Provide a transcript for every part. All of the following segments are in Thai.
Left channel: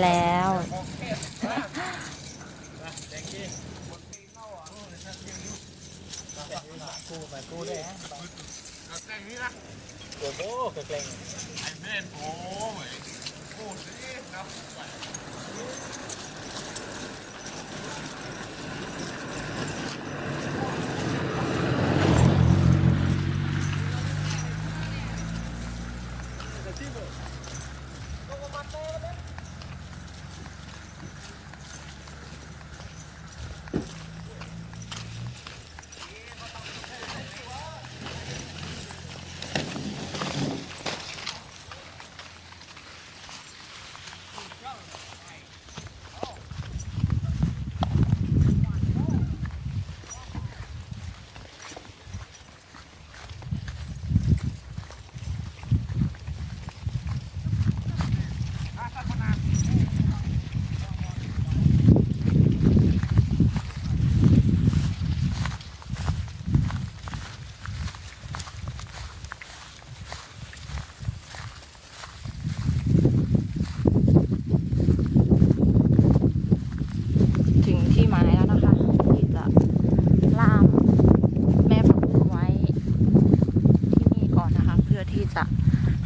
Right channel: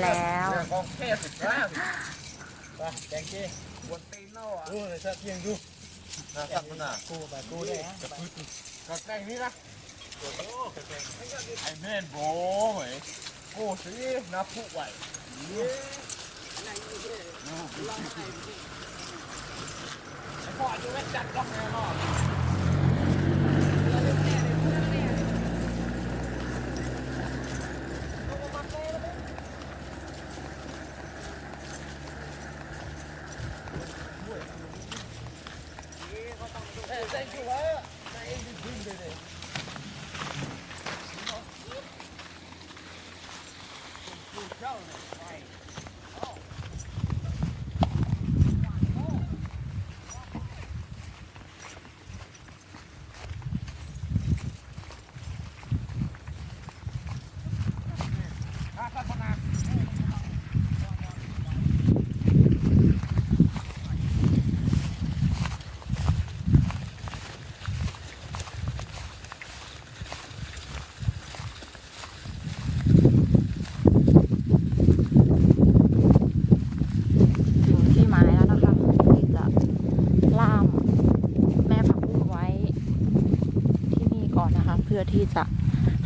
แล้วกูไปกูได้ฮะไปแกงนี่ละโอ้โหแกงไอ้แม่นโอ้ยโอ้สินับผู้ใหญ่ ถึงที่หมายแล้วนะคะ ที่จะล่ามแม่ผักบุ้งไว้ ที่นี่ ก่อนนะคะ เพื่อที่จะ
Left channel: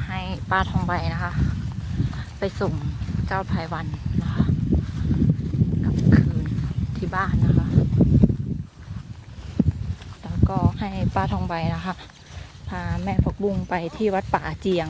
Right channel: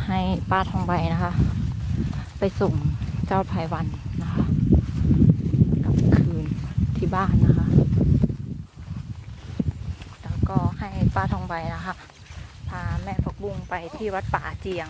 ให้ป้าทองใบนะคะ ไปส่งเจ้าพายวันนะคะกลับคืนที่บ้านนะคะ แล้วก็ให้ป้าทองใบนะคะ พาแม่พักบุ้งไปที่วัดป่าเจียง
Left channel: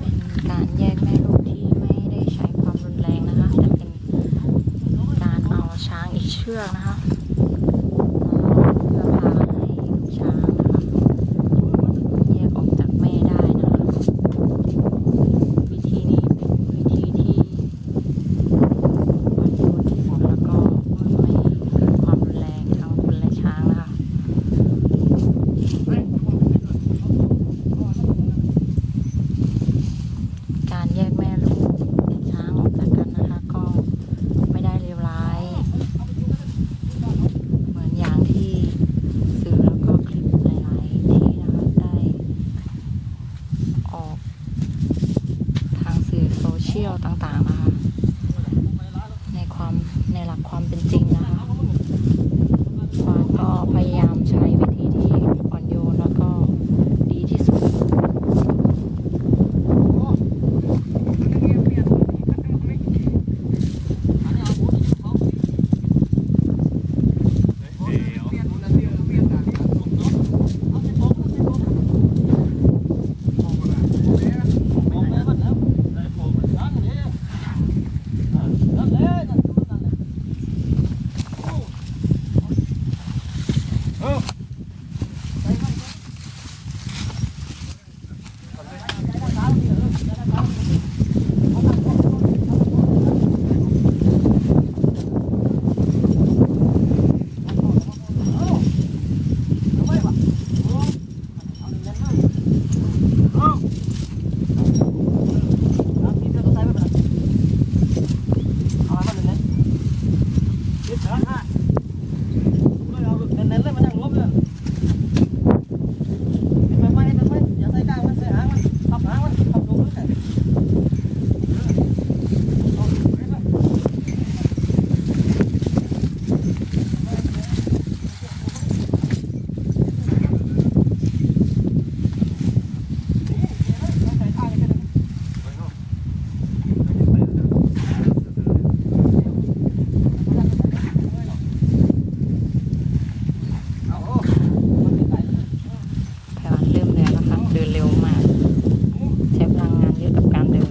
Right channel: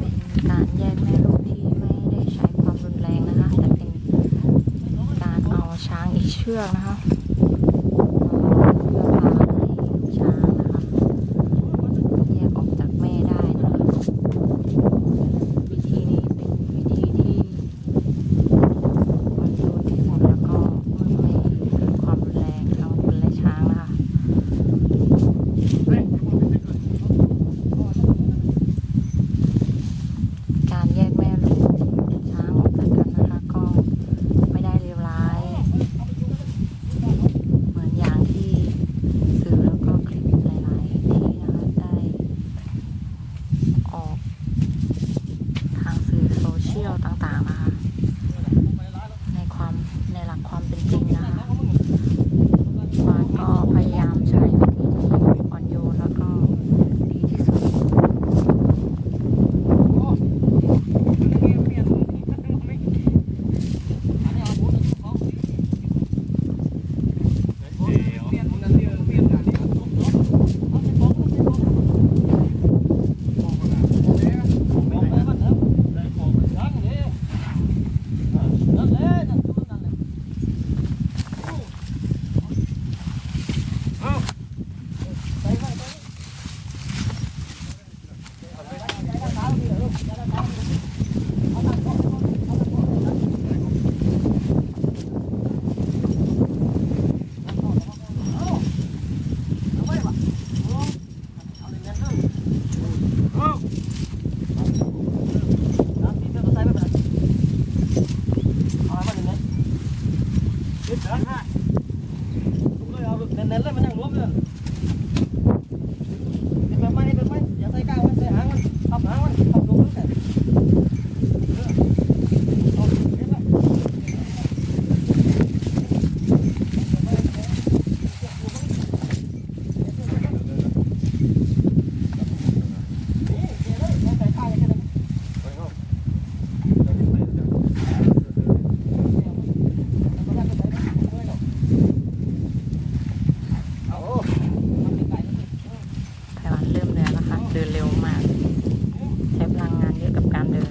เป็นการแยกแม่ลูกที่ไม่ได้ใช้ความรุนแรงนะคะ แต่เป็นการเอางอีกเชือกนะคะเพื่อพาให้ลูกช้างนะคะ แยกออกจากแม่ได้นะคะ วิธีนี้เป็นวิธีที่มันยูนที่สุดแล้วก็ไม่เกิดความรุนแรงทั้งคนและช้างนะคะ การแยกแม่ลูกช้างออกจากกันนะคะ ก็ไม่ได้เลวร้าย เหมือนอย่างที่สื่อแล้วก็คลิปหลาย ๆ ที่นะคะได้ออกทางสื่อโซเชียลต่างๆนะคะ ในความในหลักความเป็นจริงนะคะวานก็พยายามใช้วิธีที่อ่อนโยนแล้วก็ดีที่สุด เน้นๆเลยมันยังรวมเลยเห็นแบบไหมเห็นแบบไหมอย่าใส่ก้างมันใส่หางมันทับหางมันทับลงมันใส่เอา ไต้หวัน เริ่มเหนื่อยแล้วค่ะ เดินเร็วมาก ใช้พลังงานเยอะกับการเดิน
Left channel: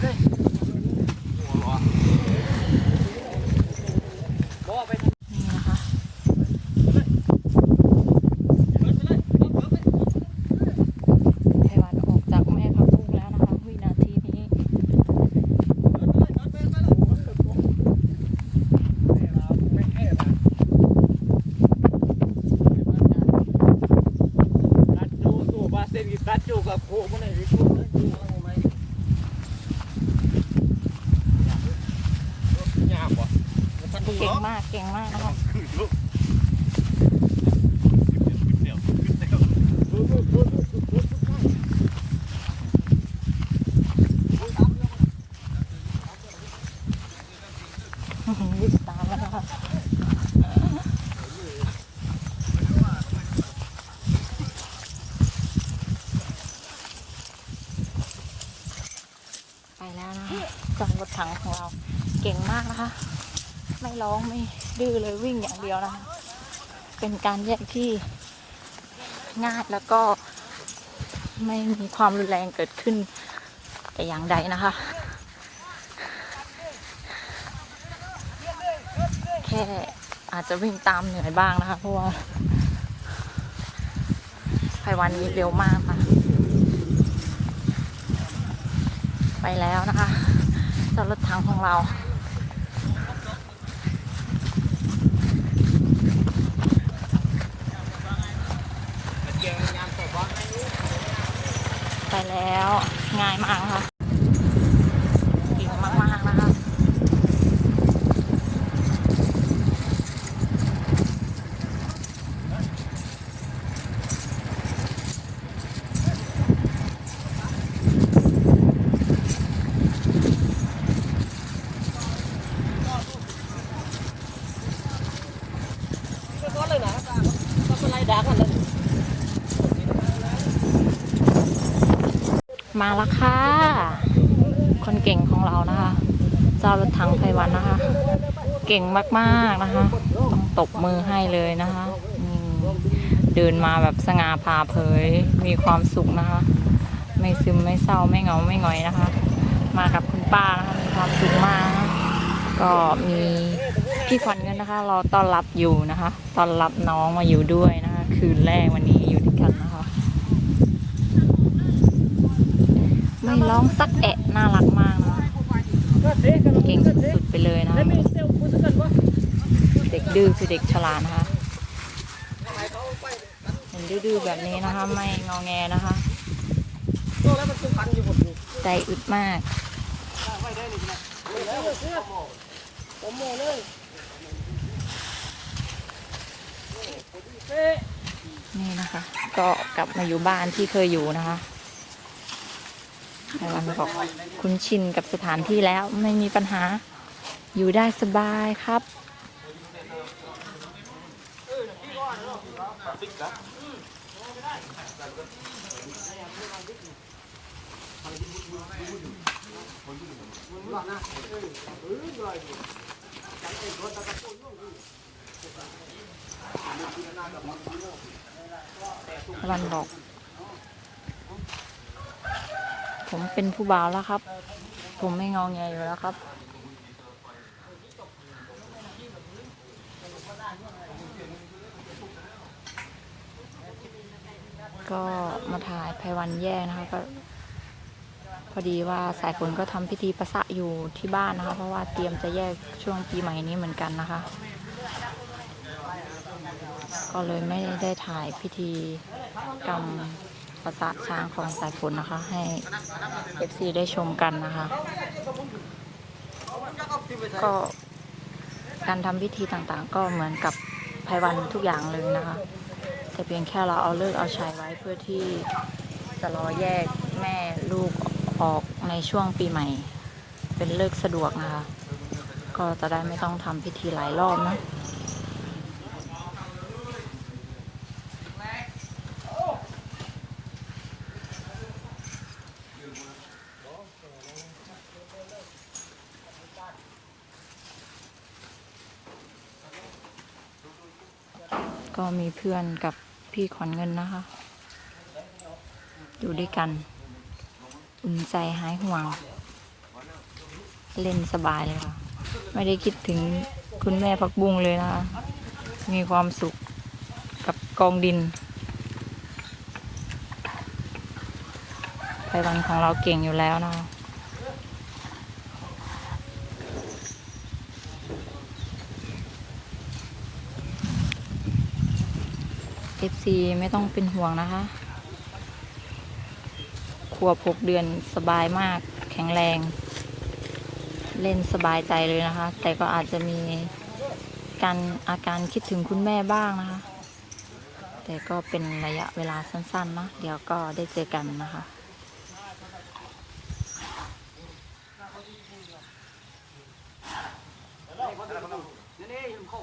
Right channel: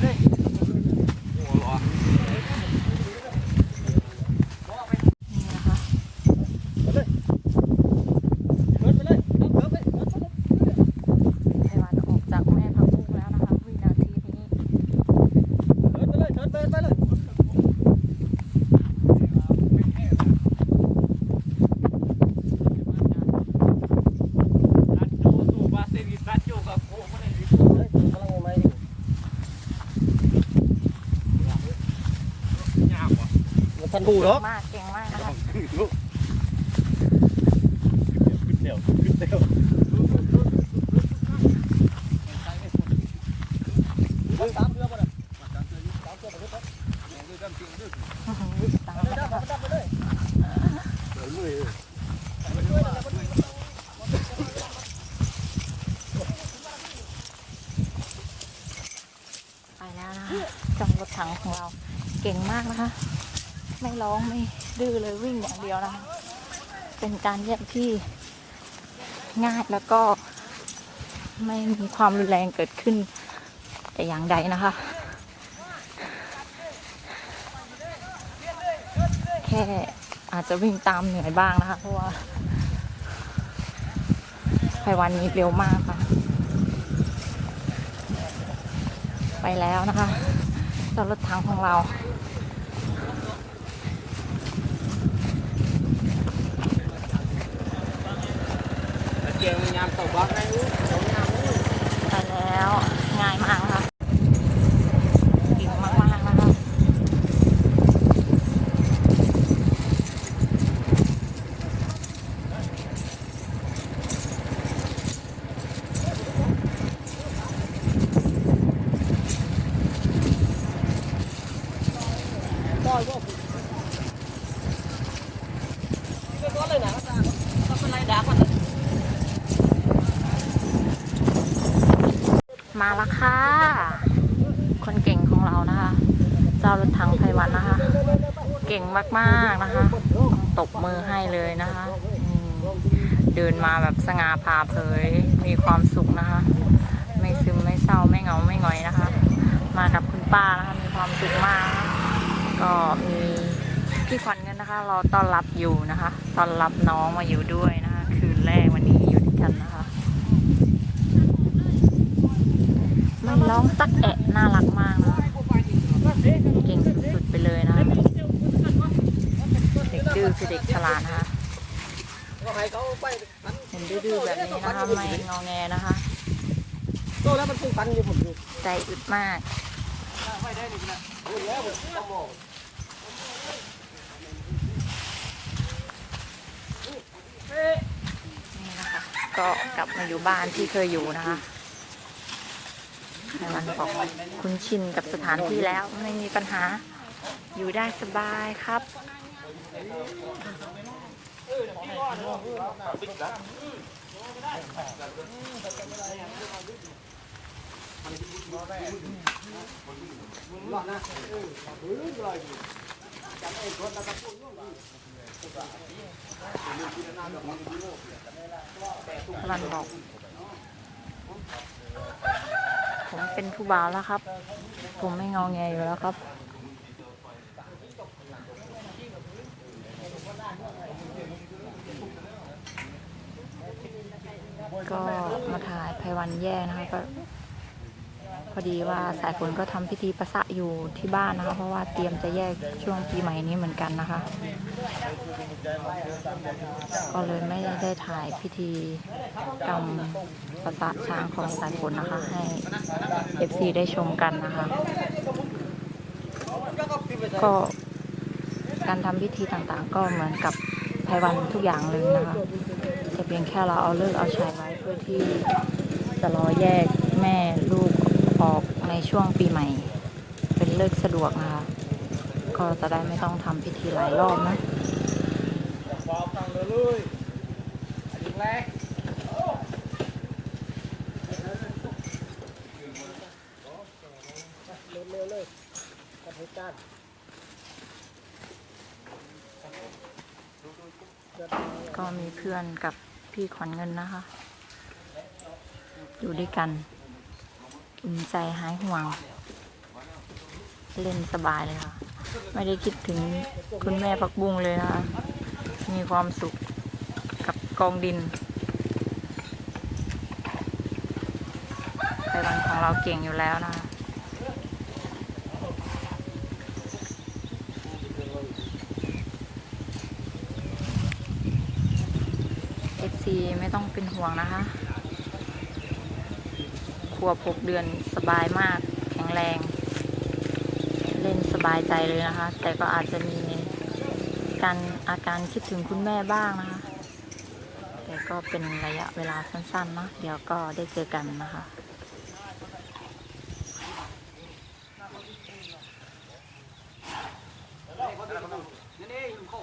เลยนี่นะคะไพวันออกจากแม่พักบุ้งแล้วนะคะวินาทีนี้ตัดจูโคมันเลยดิจูเลาไว้ นี่ยากว่ะมันทันดูเก่เนาะงมากเก่งมากนะคะเดี๋ยวเดี๋ยววิ่งตามแล้วนะคะไปแล้วนะคะจองรถถังของเรา เก่งมากนะคะ ไม่ร้องไม่ดื้อเลยวิ่งอย่างเดียวนะคะ เป็นการแยกที่ง่ายแล้วก็ไม่มีความรุนแรงเกิดขึ้น แต่อย่างใดนะคะ แค่อาจจะวิ่งตามเหนื่อยบ้างนะคะ เพราะว่าไพวันนี้เร็วมากค่ะ ไปแล้วนะคะ รถถังของเรา เกี่ยวยามตกบอล ไปแล้ว ง่ายมากนะคะเก่งมากๆนะคะ ไม่ร้อนเลยนะต้องเป็นไรด่ากันเลย มาแล้วค่ะ คนเก่งของเรานะคะ เจ้ารถถังไพวันนะคะ เก่งมากๆนะคะ ต้องตบมือให้เลยนะคะเดินมาแบบสง่าผ่าเผย มีความสุขนะคะ ไม่ซึมไม่เศร้าไม่เหงาไม่หงอยนะคะ มากับคุณป้านะคะมีความสุขมากนะะก็มีพี่ขวัญเงินนะคะ เราต้อนรับอยู่นะคะ ต้อนรับน้องมาอยู่ด้วยนะคะ คืนแรกวันนี้อยู่ด้วยกันนะคะ ไม่ร้องสักแอะน่ารักมากนะคะเก่งสุดๆไปเลยนะ เด็กดื้อคือเด็กฉลาดนะคะเห็นดื้อๆแบบนี้นะคะ ไม่งอแงนะคะใจอึดมากนี่นะคะ ก็กลับมาอยู่บ้านที่เคยอยู่นะคะ ในวันบอกคุ้นชินกับสถานที่แล้วไม่มีปัญหาอยู่ได้สบายครับรันบอก ผมเป็นผู้บ่าวแล้วครับ ผมไม่งอแงอยู่แล้วครับ ก็มาถ่ายไพวันแยกนะคะก็พอดีว่าสายฝนก็ทำพิธีประสะอยู่ที่บ้านนะคะ เพราะว่าเตรียมจะแยกช่วงปีใหม่นี้เหมือนกันนะคะ ก็เลยไม่ได้ถ่ายพิธีกรรม ประสะช้างของสายฝนนะคะ ให้เอฟซีได้ชมกันนะคะ ก็การทำพิธีต่างๆ ก็เหมือนกับไพวันทุกอย่างเลยนะคะ แต่เพียงแค่เราเอาเลิกเอาชัยไว้เพื่อที่จะรอแยกแม่ลูกออกในช่วงปีใหม่ เป็นเลิกสะดวกนะคะ ก็จะได้ไม่ต้องทำพิธีหลายรอบนะ ก็มีเพื่อนกับพี่ขวัญเงินนะคะ อยู่ด้วยกันอุ่นใจหายห่วง เล่นสบายเลยค่ะ ไม่ได้คิดถึงคุณแม่พักบุ้งเลยนะคะ มีความสุขกับกองดินพวันของเราเก่งอยู่แล้วนะคะ FC ไม่ต้องเป็นห่วงนะคะขวบหกเดือนสบายมากแข็งแรง เล่นสบายใจเลยนะคะ แต่ก็อาจจะมีการอาการคิดถึงคุณแม่บ้างนะคะ แต่ก็เป็นระยะเวลาสั้นๆเนาะเดี๋ยวก็ได้เจอกันนะคะ นี่นี่ยุ่งเข้า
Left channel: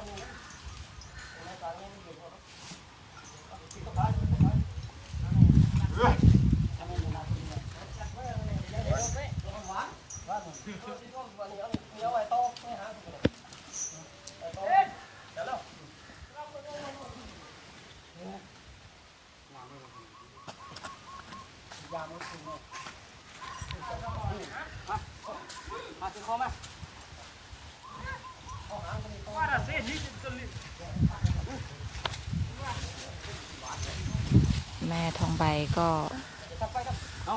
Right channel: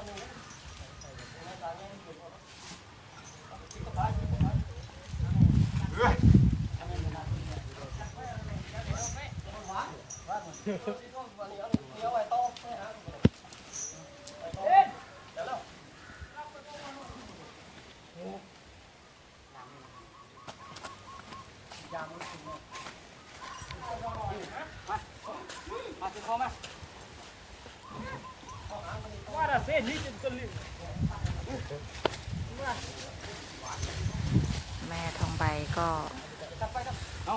ต่อแล้วกันเลย มาสิคอมาว่าละเส้นนี้จะ แม่ทองใบก็เอา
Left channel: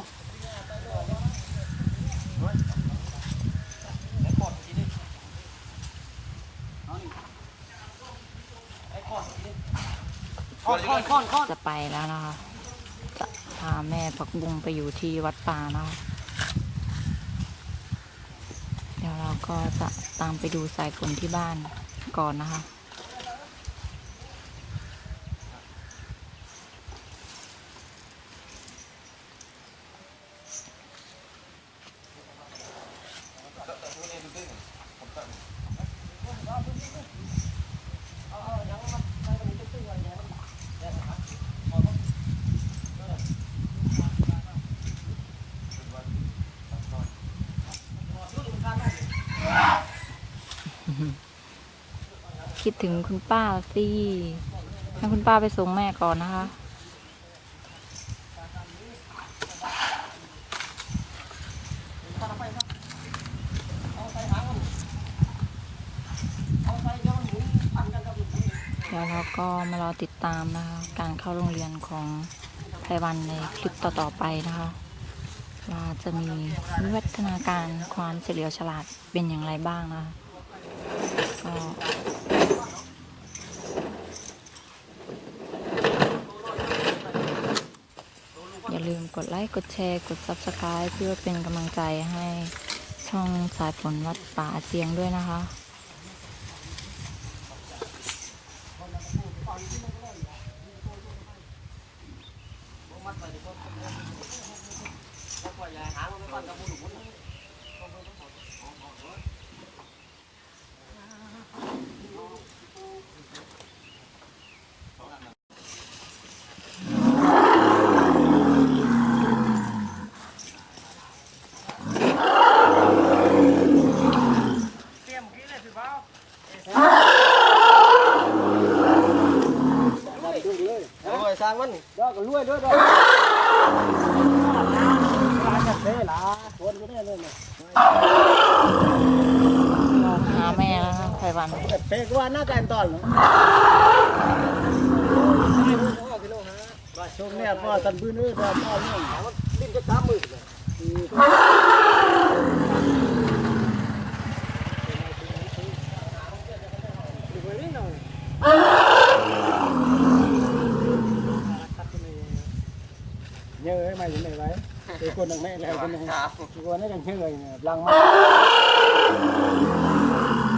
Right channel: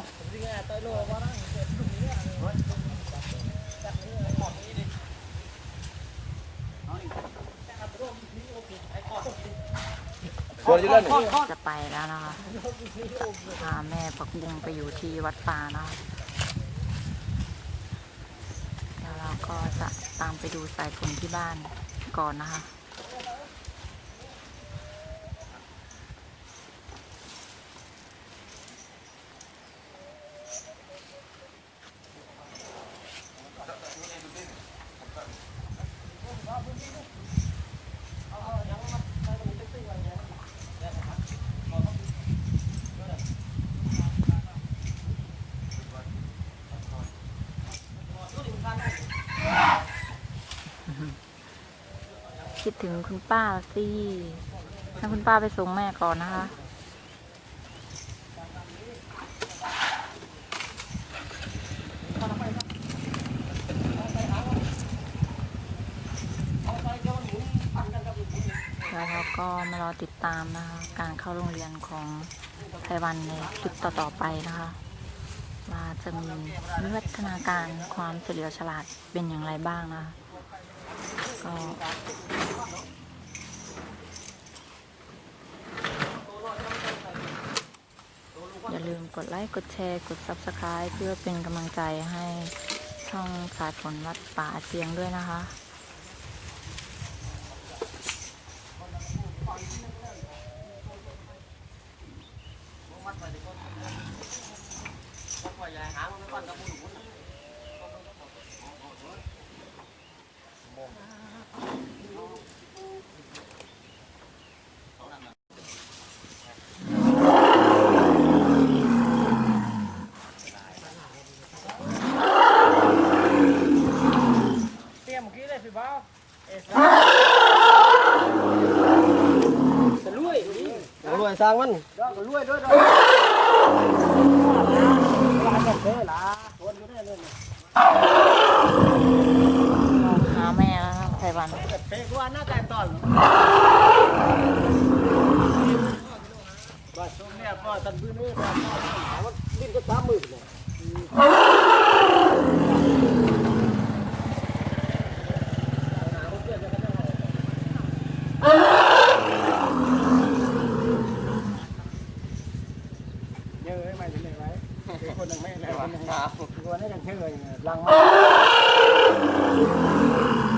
เอาจะไปแล้วนะคะ จะพาแม่ผักบุงไปอยู่ที่วัดป่านะคะเดี๋ยวเราก็จะตามไปดูสายฝนที่บ้านก่อนนะคะ คิดถึงคุณป้าสิให้คุณป้าไปส่งแม่ก่อนนะคะ แล้วเราก็มารอติดตามนะคะ การเข้าโรงเรียนของไพวันในคลิปต่อ ๆ ไปนะคะว่าจะมีวิวัฒนาการความเฉลียวฉลาดเป็นอย่างไรบ้างนะคะ ก็อย่าลืมกดไลค์ กดแชร์ กด Subscribe เพื่อเป็นกำลังใจให้ช่องสายฝนวัดป่าเจียงด้วยนะคะ รวยสร้างมันเด้อก็รวยด้วยเด้อร้านกันเด้ล่ะคนก็ได้เลยเนี่ย มองหาแม่แล้วครับไพวัน เตะก็ว่าหน้าการตอนว่าชมแม่พ่อทันพื้ นเลยพ่อพ่อนี่ถามว่าดิ้นจะสามมือเลยเยอะไหมอยู่ไหนไว้คนหนึ่งแม่คนหนึ่งคนนี้กันเชื่อเลยลังมาเ